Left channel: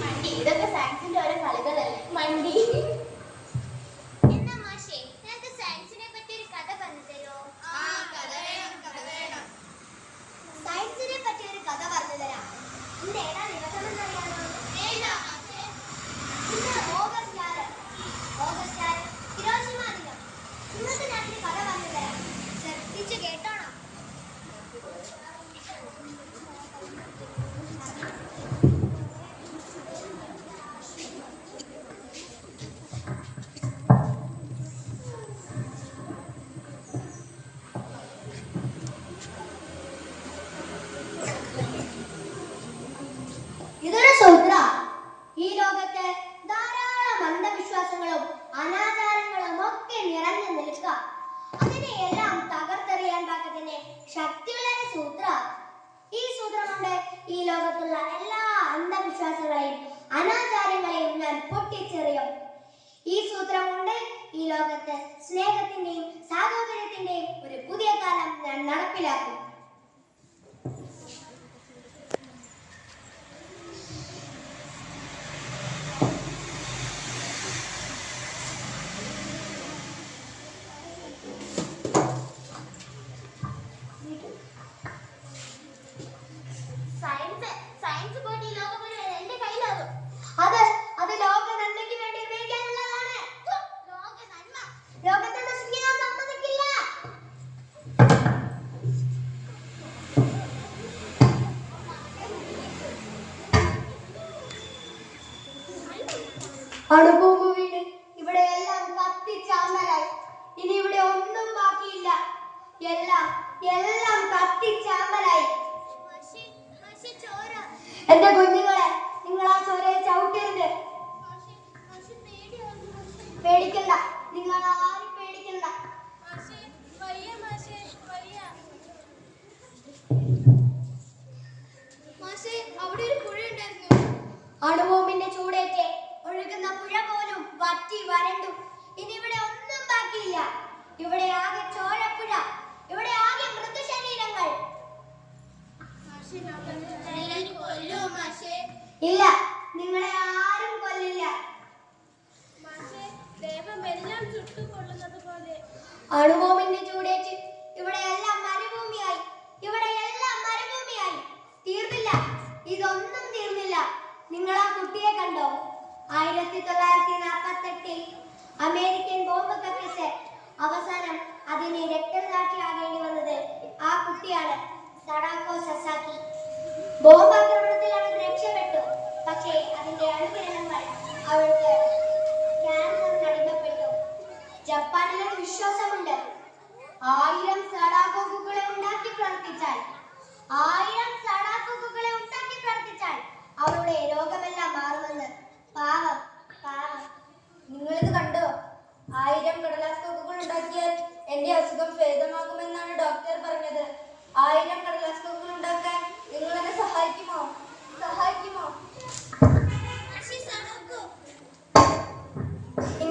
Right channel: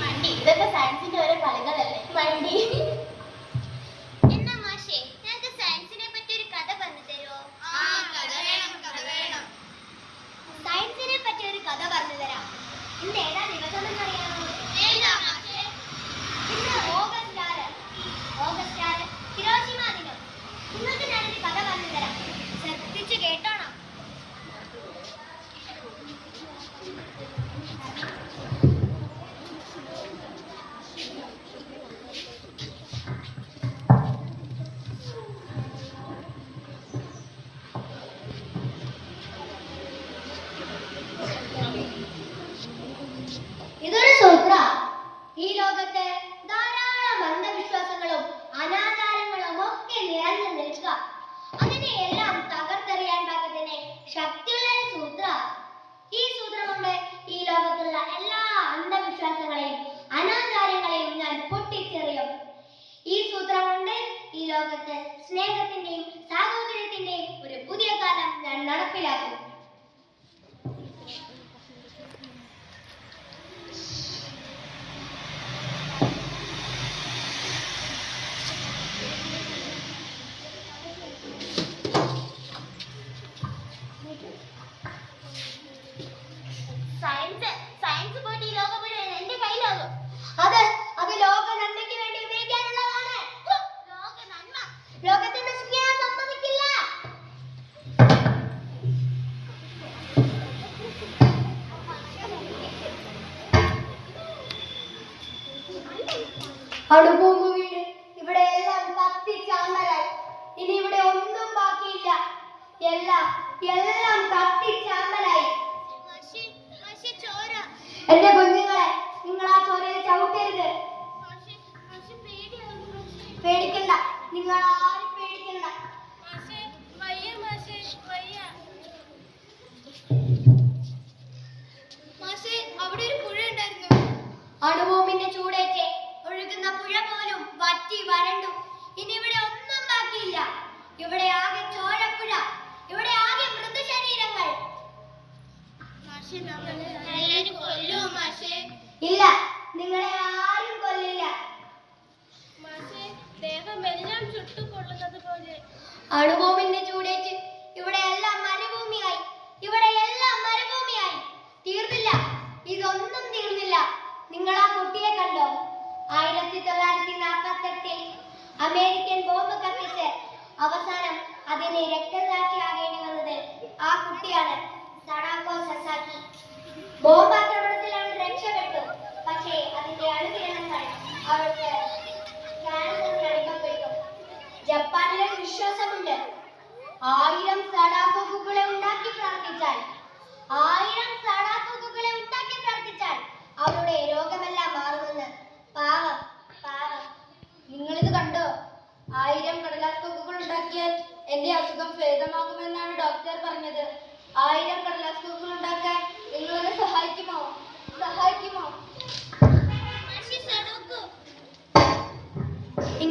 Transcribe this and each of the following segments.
മണ്ടി ഇതൊക്കെ സയൻസിന്റെ ഓരോ കളികളല്ലേ? മണ്ടി അതിനെയെല്ലാം തകർത്തെറിയാൻ പാകത്തിന് ശക്തിയുള്ള ഒരു സൂത്ര ഈ കൊണ്ട് ഈ ലോകത്തുള്ള എല്ലാ അന്ധവിശ്വാസങ്ങളെയും അനാചാരങ്ങളെയും ഞാൻ പൊട്ടിച്ചെറിയും. ഈ സൂത്രം കൊണ്ട് ഈ ലോകത്ത് സ്നേഹത്തിന്റെയും സാഹോദര്യത്തിന്റെയും ഒരു പുതിയ കാലം ഞാൻ നടപ്പിലാക്കും. അണുബോംബ് വീണ് ഇവിടെ എല്ലാം കത്തിച്ചാമ്പലായി ഇനി ഇവിടെ ഒന്നും ബാക്കിയില്ല. എല്ലാം എല്ലാം കത്തിച്ചാമ്പലായി എന്റെ കുഞ്ഞുങ്ങളെ നിങ്ങൾ ആ ചോരയെ ചവിട്ടരുത്. പേടിക്കണ്ട നിങ്ങൾ ആരും പേടിക്കണ്ട. അവിടെ ഒരു പുഴ ഉണ്ടായിരുന്നു അണുബോംബിന്റെ ചൂടേറ്റ് ഒഴുകുന്ന പുഴ പോലും വറ്റി വരണ്ടു. ഇനി ഇവിടെ ഒന്നും ബാക്കിയില്ല. ഇവിടെ ആകെ ചോരപ്പുഴ. ഇവിടെ ആകെ മൃതശരീരങ്ങൾ. ഇല്ല നിങ്ങളെ ആരും കൊല്ലില്ല. ദേഹം എല്ലാം ചുട്ടു കൊള്ളുന്നത് പോലെ. അണുബോംബിന്റെ ചൂടേറ്റ് ഇവിടെ എല്ലാം മരുഭൂമിയായി ഇവിടെ എല്ലാം മരുഭൂമിയായി തീർന്നില്ല ഇതൊന്നും തീർന്നില്ല നിങ്ങൾ ആ കുട്ടിയെ കണ്ടോ ആയിരത്തി തൊള്ളായിരത്തി നാൽപ്പത്തെട്ടിൽ അമേരിക്കൻ ബോംബ് കത്തിച്ച് അവസാനം അതിന് രക്തസാക്ഷിയാകേണ്ടി വന്നത് ആ കുട്ടിയാണ് സഡാക്കോ സസാക്കി. ബോംബ് ആക്രമണത്തിൽ അവൾ രക്ഷപ്പെട്ടു. പക്ഷേ അതിന്റെ അണുകിരണങ്ങൾ അവൾക്ക് ക്യാൻസറിന് അടിമപ്പെട്ടു. ജപ്പാനിലെ വിശ്വാസമുണ്ട്. ആയിരം സടാക്കോക്കുകളെ ഉണ്ടാക്കി പ്രവർത്തിച്ചാൽ ആയിരം സടാക്കോക്കുകളെ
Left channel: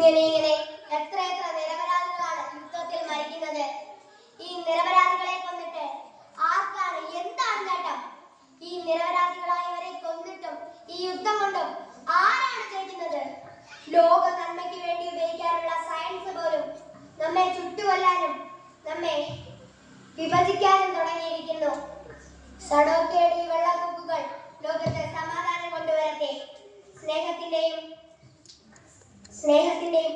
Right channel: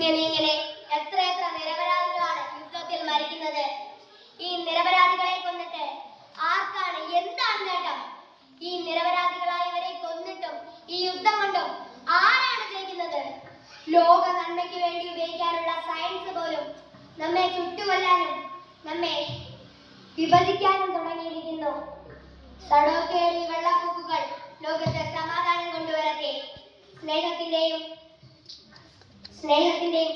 ഇങ്ങനെ ഇങ്ങനെ എത്ര നിരപരാധികളാണ് യുദ്ധത്തിൽ മരിക്കുന്നത്? ഈ നിരപരാധികളെ കൊന്നിട്ട് ആർക്കാണ് എന്താണ് നേട്ടം? ഈ നിരപരാധികളായവരെ കൊന്നിട്ടും ഈ യുദ്ധം കൊണ്ടും ആരാണ് ജയിക്കുന്നത്? ലോക നന്മയ്ക്ക് വേണ്ടി ഉപയോഗിക്കാനുള്ള സയൻസ് പോലും നമ്മെ ചുട്ടുകൊല്ലാനും നമ്മെ വിഭജിക്കാനും തുടങ്ങിയിരിക്കുന്നു. സടോക്കേടി വെള്ളപ്പൊക്കുകൾ ലോകത്തെ സമാധാനം കൊണ്ടുവരട്ടെ. സ്നേഹത്തിന്റെയും സ്നേഹത്തിന്റെയും